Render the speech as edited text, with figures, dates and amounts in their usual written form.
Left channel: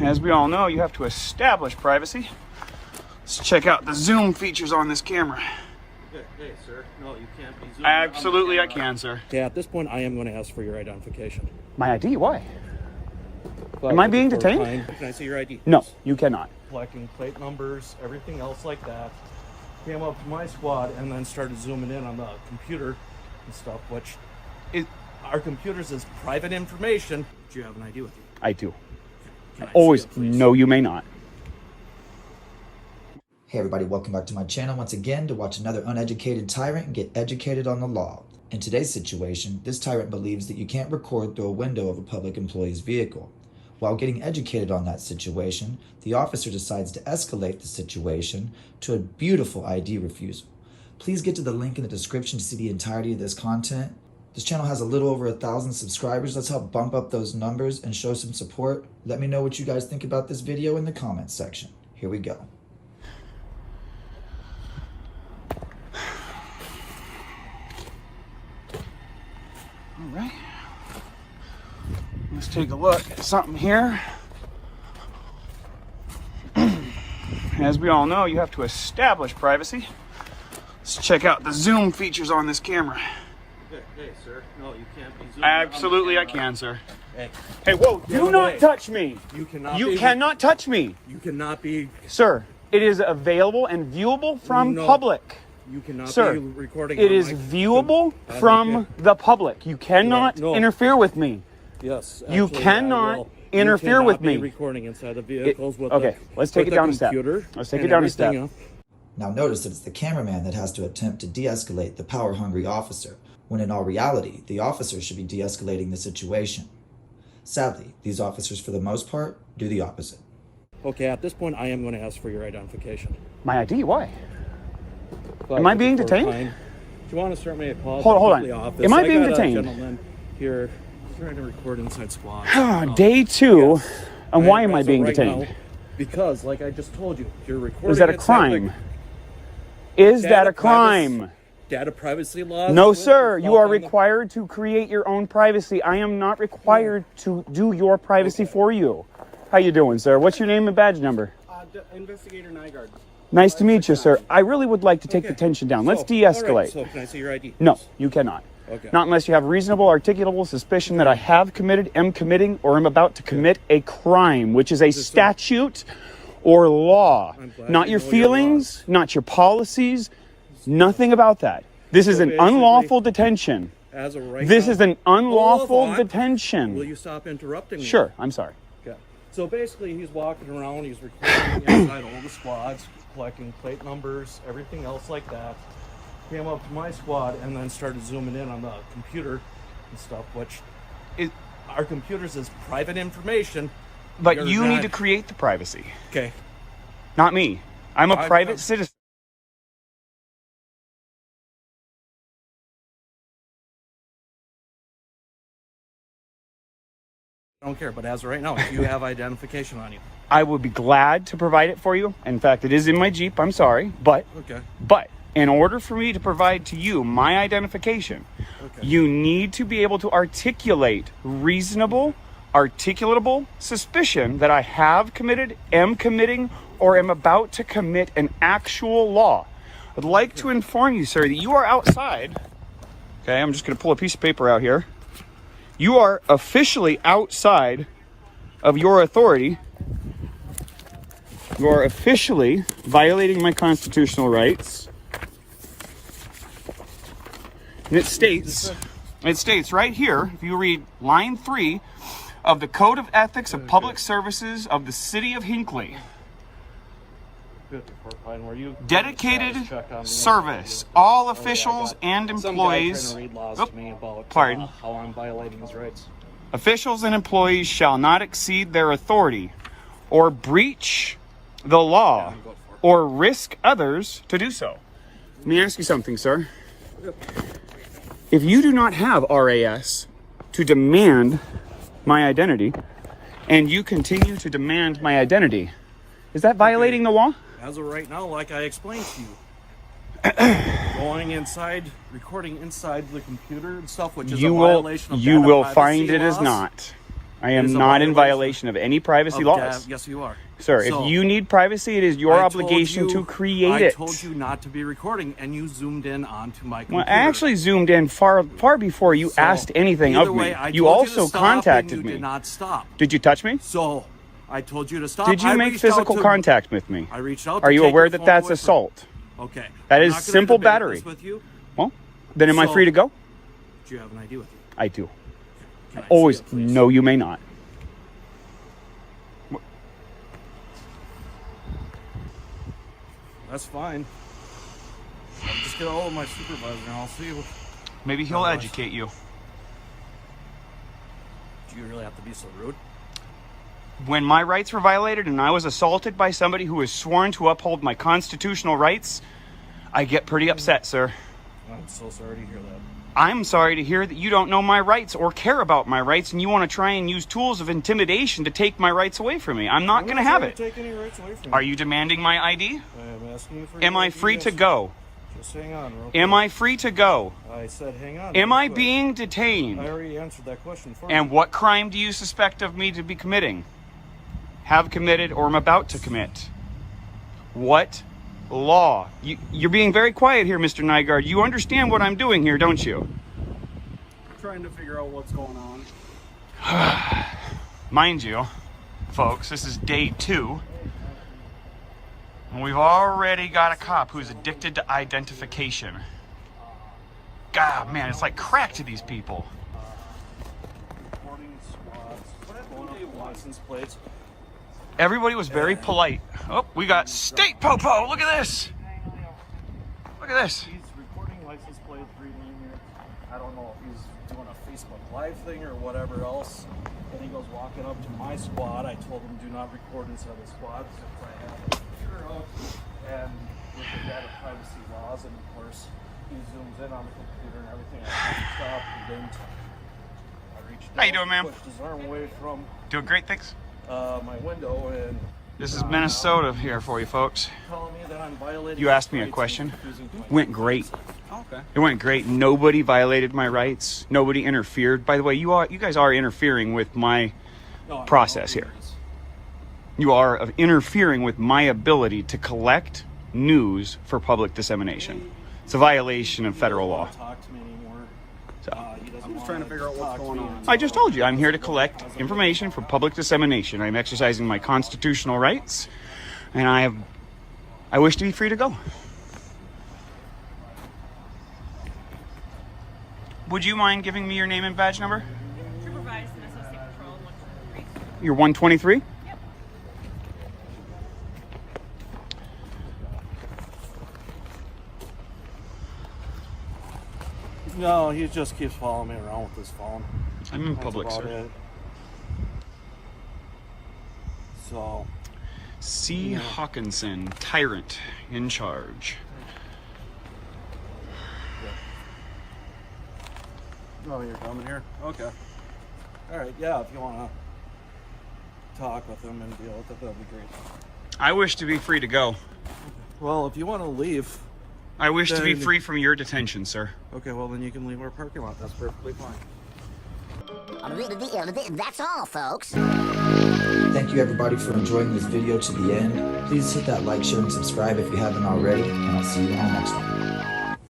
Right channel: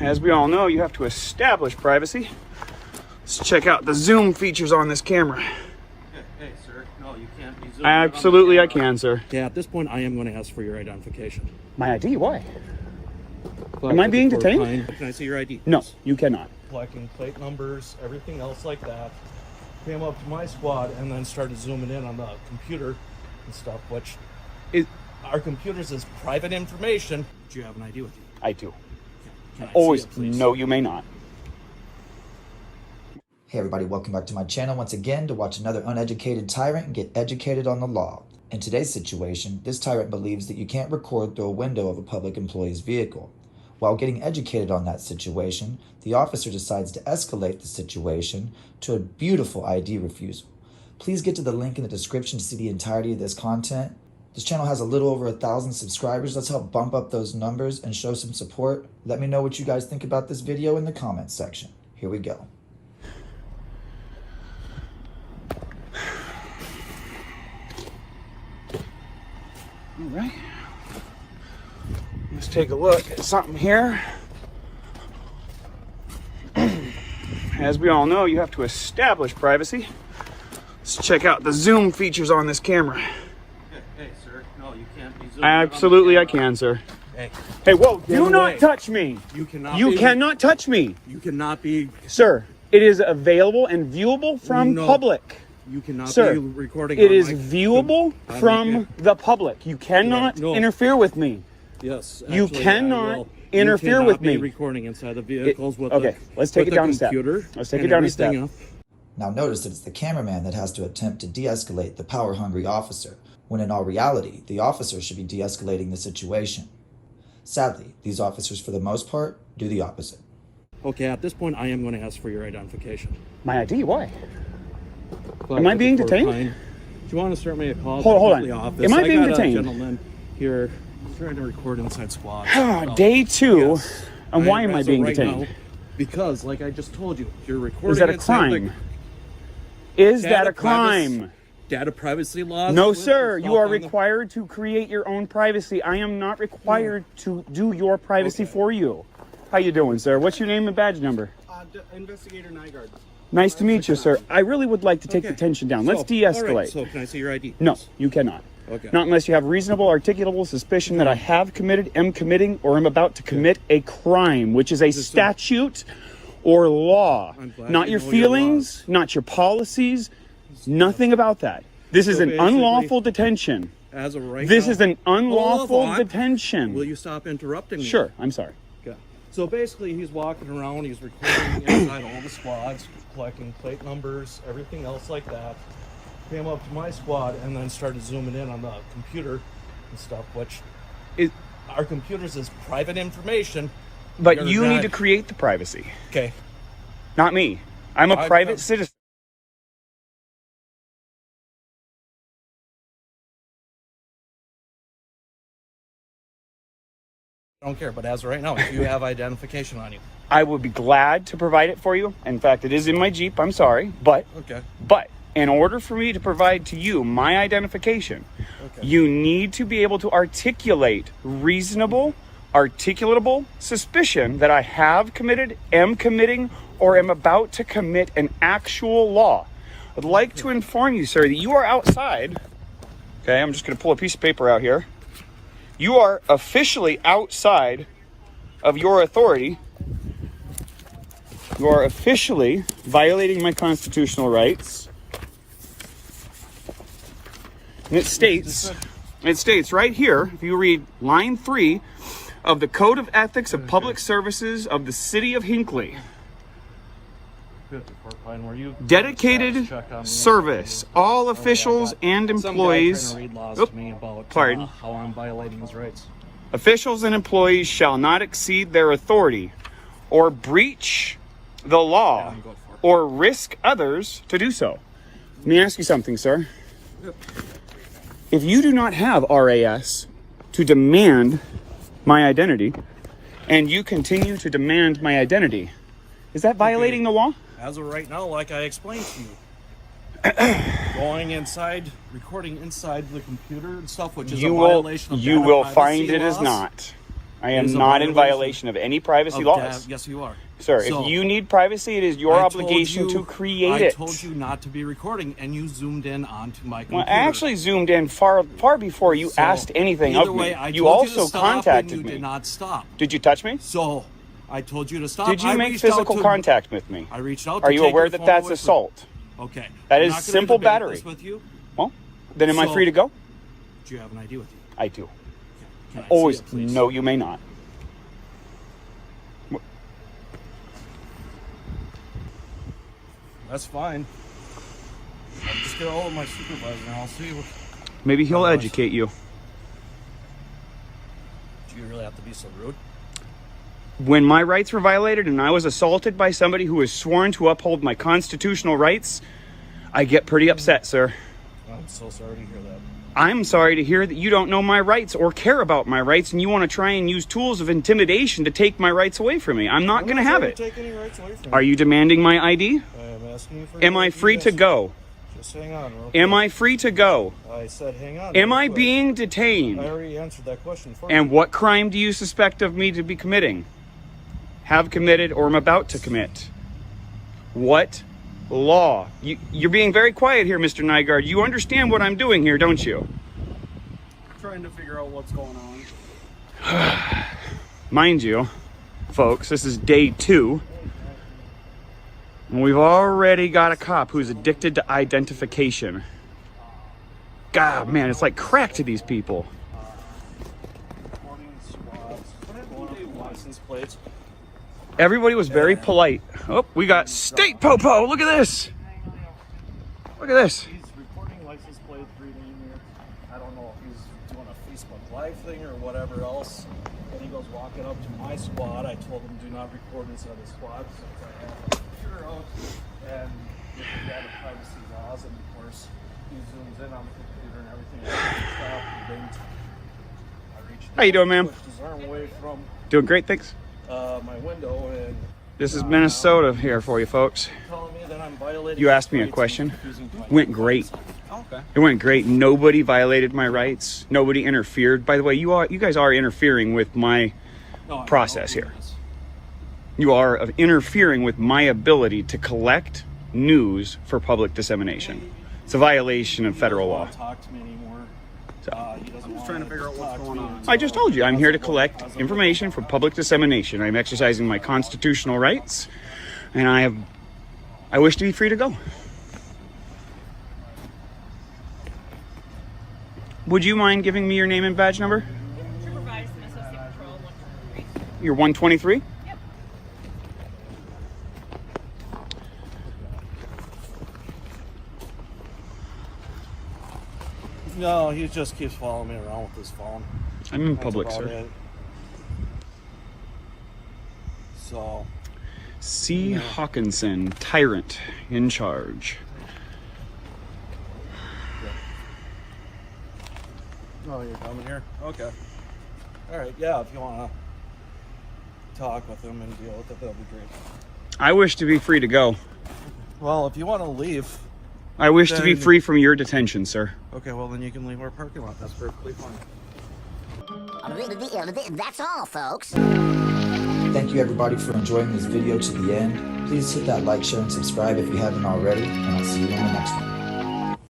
as we all know, you have to establish privacy. Let's check out the zoom features on this camera. Hey, sir. No, you can't be zooming. Absolutely, I can, sir. Yeah, at this point, I am going to ask for your identification. My ID? Why? Well, Am I being detained? Can I see your ID? No, you cannot. Collecting plate numbers, everything else like that. Came up to my squad and then started zooming in on the computer and stuff, which our computers is private information. Do you have an ID with you? I do. Can I Always. see it, please? No, you may not. Hey everybody, welcome back to my channel once again to watch another uneducated tyrant and get educated on the law. In today's situation, this tyrant believes that you can't record through a window of a public employee's vehicle. While getting educated on that situation, the officer decides to escalate the situation to a beautiful ID refusal. Please get to the link in the description to see the entirety of this content. This channel has a little over 1,000 subscribers. Let's help bump up those numbers and show some support. Let me know what you guys think about this video in the comments section. Here we go. All right. Let's take a look at something here. As we all know, you have to establish privacy. Let's check out the zoom features on this camera. Hey, sir. No, you can't be zooming. Absolutely, I can, sir. Hey, whoa, do not touch me. You cannot. You cannot touch me. You cannot be. Sir, it is available and viewable from public. You cannot Sir, be recording. It on is my viewable from the public. You cannot No. interfere with me. Yes. You actually, cannot interfere you cannot with be me. Recording inside the vehicles with okay, the, let's take with it down the a step. computer. Let's take it and down a everything step. up. Now notice that it's the cameraman that has to attempt to de-escalate the power-hungry officer, when in all reality, the officer should be de-escalating the situation. Sadly, these officers, for the most part, do the opposite. Okay, at this point, I am going to ask for your identification. My ID? Why? But Am I being if we're detained? fine, do you want to start me a call? Hold on. To the office? Am I being got detained? a gentleman here trying to record inside squad. Day two. Yes. And why am I as of being right detained? now, because, like I just told you, you're recording. Is that a inside crime? Is that Data a crime? Data privacy laws. No, with sir. the You stuff are on the- required to create your own privacy. I am not required to do your privacy for you. How you doing, sir? What's your name and badge number? Investigator Nygaard. Nice to meet you, sir. I really would like to take the tension down. Let's de-escalate. All right, so can I see your ID? No, you cannot. Okay. Not unless you have reasonable, articulable suspicion that I have committed, am committing, or am about to commit a crime, which is a statute or law. I'm glad Not you your know your feelings, not your policies, nothing about that. This is an basically, unlawful detention. As of right This now, is an unlawful Hold on. detention. Will you stop interrupting me? Sure, I'm sorry. Okay. So basically, he's walking around, he's recording inside all the squads, collecting plate numbers, everything else like that. Came up to my squad and then started zooming in on the computer and stuff, which our computers is private information. But You're you not- need to create the privacy, Okay. not me. I'm a I- private citizen. I don't care, but as of right now, if you have identification on you. I would be glad to provide it for you. In fact, it is in my Jeep. I'm sorry, but Okay. in order for me to provide to you my identification, Okay. you need to be able to articulate reasonable, articulatable suspicion that I have committed, am committing, or am about to commit an actual law. I'd like to inform you, sir, that you are outside. Okay, I'm just going to pull a piece of paper out here. You are officially outside of your authority. You are officially violating my constitutional rights. And it states right here, if you read line 3 of the Code of Ethics of Public Services of the City of Hinckley. Dedicated service. All officials and employees. Pardon. Officials and employees shall not exceed their authority or breach the law or risk others to do so. Let me ask you something, sir. If you do not have RAS to demand my identity, and you continue to demand my identity, is that violating the law? As of right now, like I explained to you, going inside, recording inside the computer and stuff, which is a violation of you data will privacy find it is laws. not. I am It is a not in violation of any privacy laws. Yes, you are. Sir, So, if you need privacy, it is your I told obligation you- to create it. I told you not to be recording, and you zoomed in onto my computer. Well, I actually zoomed in far before you So, asked anything either of way, me. I You told you also to stop, contacted and you me. did not stop. Did you touch me? So, I told you to stop. Did you I make reached out physical to- contact with me? I reached out. Are to you take aware your that phone that's away from- assault? Okay. That I'm is not gonna simple debate battery. this with you. Well, then am I So- free to go? Do you have an ID with you? I do. Can I Always. see it, please? No, you may not. That's fine. I'll just get a hold of my supervisor and I'll see what. Maybe he'll Otherwise- educate you. Do you really have to be so rude? When my rights were violated and I was assaulted by somebody who was sworn to uphold my constitutional rights, I get pretty upset, sir. I'm so sorry to hear that. I'm sorry to hear that you don't know my rights or care about my rights and you want to try and use tools of intimidation to take my rights away from me. I'm not going to have it. Take any rights away from Are you demanding my ID? I am asking you for. Am your I ID, free to yes. go? Just hang on, real Am quick. I free to go? I said hang on. Am real I quick. being I detained? already answered that question for you. And what crime do you suspect of me to be committing? Have committed or am about to commit? What law? You're being very quiet here, Mr. Nygaard. You understand what I'm doing here, don't you? Trying to figure out what's going on. Mind you, folks, this is day 2. And we've already got a cop who's addicted to identification. God, man, it's like crack to these people. Reporting squads, going up the license plates. Everybody was very polite. Oh, we got State Popo. Look at this. Look at this. He's recording license plate reading here. I don't know if he's doing a Facebook Live thing or whatever else. And he goes walking up to my squad. I told him do not record inside the squad since I have a computer out. And with the data privacy laws, and of course he zooms in on the computer and everything. I reached How you doing, ma'am? pushed his arm away from Doing great, thanks. my window and This is Minnesota here for you, folks. telling me that I'm violating. You his asked me a rights question. and using my- Went great. Oh, okay. It went great. Nobody violated my rights. Nobody interfered. By the way, you guys are interfering with my process here. You are interfering with my ability to collect news for public dissemination. It's a violation of federal law. Talk to me anymore. So, He doesn't want Trying to figure out what's going on. I just told you, I'm here to collect information for public dissemination. I'm exercising my constitutional rights, and I wish to be free to go. Would you mind giving me your name and badge number? Supervised and Associate Patrol 123. You're 123? Yep. No, he just keeps following me around with his phone. I'm in That's public, about sir. it. So, C. Hawkinson, Tyrant, in charge. oh, you're coming here? Okay. All right. Yeah, if you want to talk with him and deal with it, that'll be great. I wish to be free to go. Well, if you want to leave, I wish to be Then- free from your detention, sir. okay, well then you can leave our parking lot. That's perfectly fine. That's all, folks. Thank you everybody for enjoying this video to the end. Please hit that like, share, and subscribe if you haven't already, and I'll see you in the next one.